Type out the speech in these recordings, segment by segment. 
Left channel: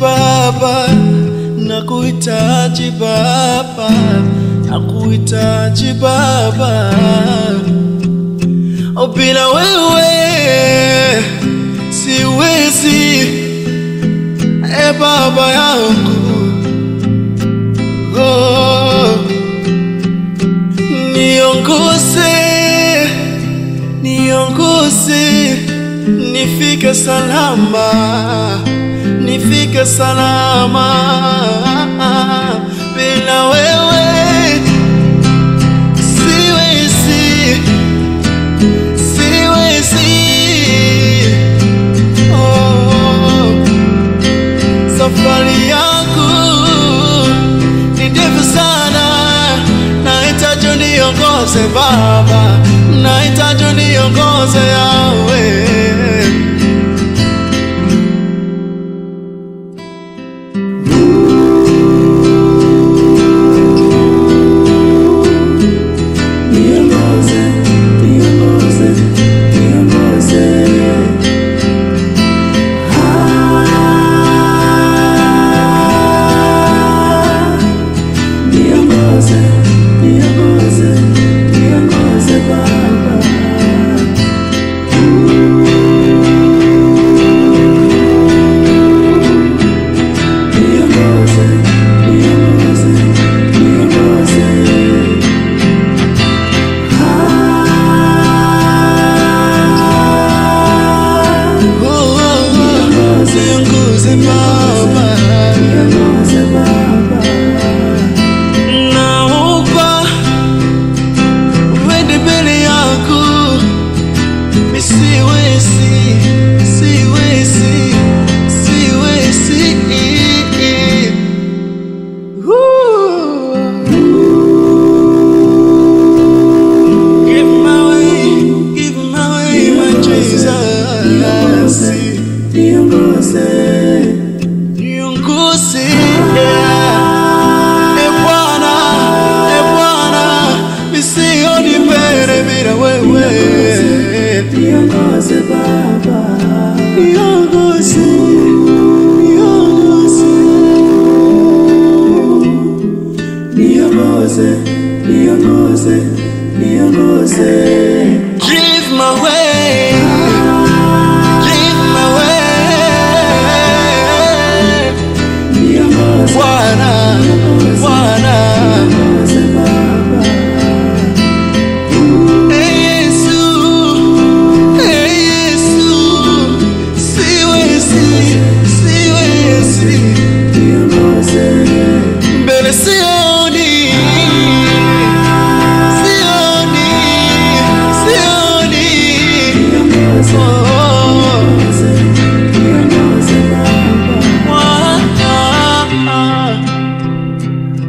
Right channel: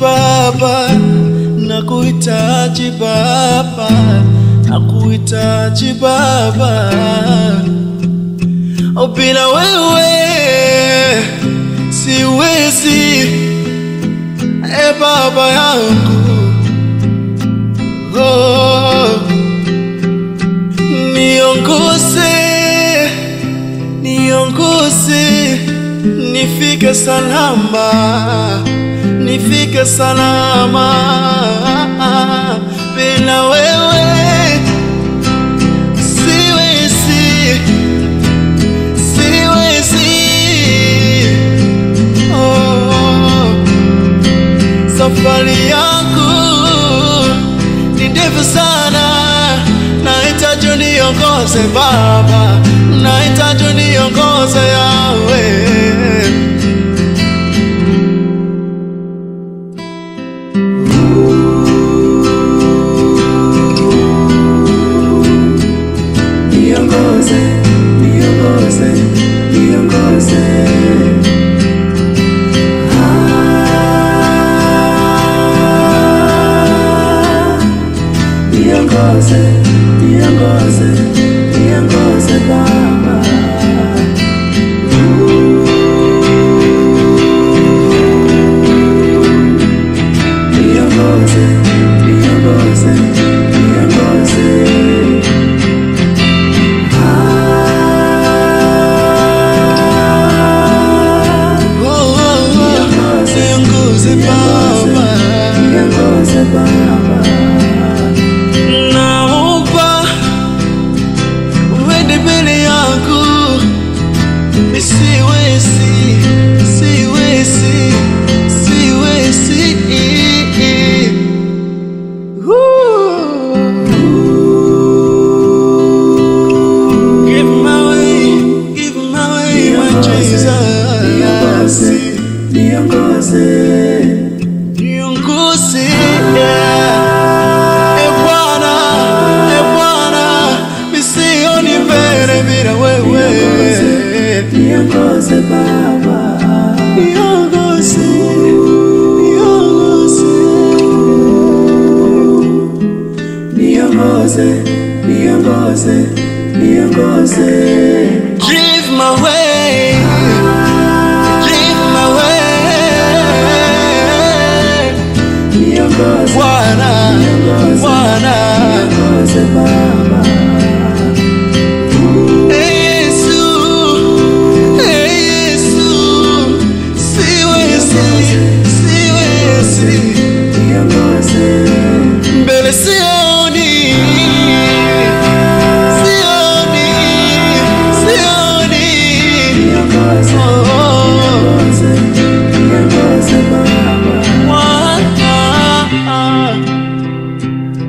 Baba, nakuhitaji Baba, nakuhitaji Baba. Oh, bila wewe siwezi, Baba yangu. Oh, niongoze, nifike salama, nifike salama. Bila wewe siwezi. Oh, safari yangu ni ndefu sana, nahitaji uniongoze Baba, nahitaji uniongoze Yahweh. Niongoze Baba. Niongoze Baba. Naomba uende mbele yangu, siwezi. Give my way, my Jesus. Niongoze, Bwana, misioni mbele bila wewe. Niongoze Baba, niongoze. Give my way, Bwana. Yesu, siwezi. Mbele sioni.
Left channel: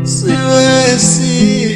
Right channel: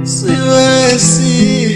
Siwezi.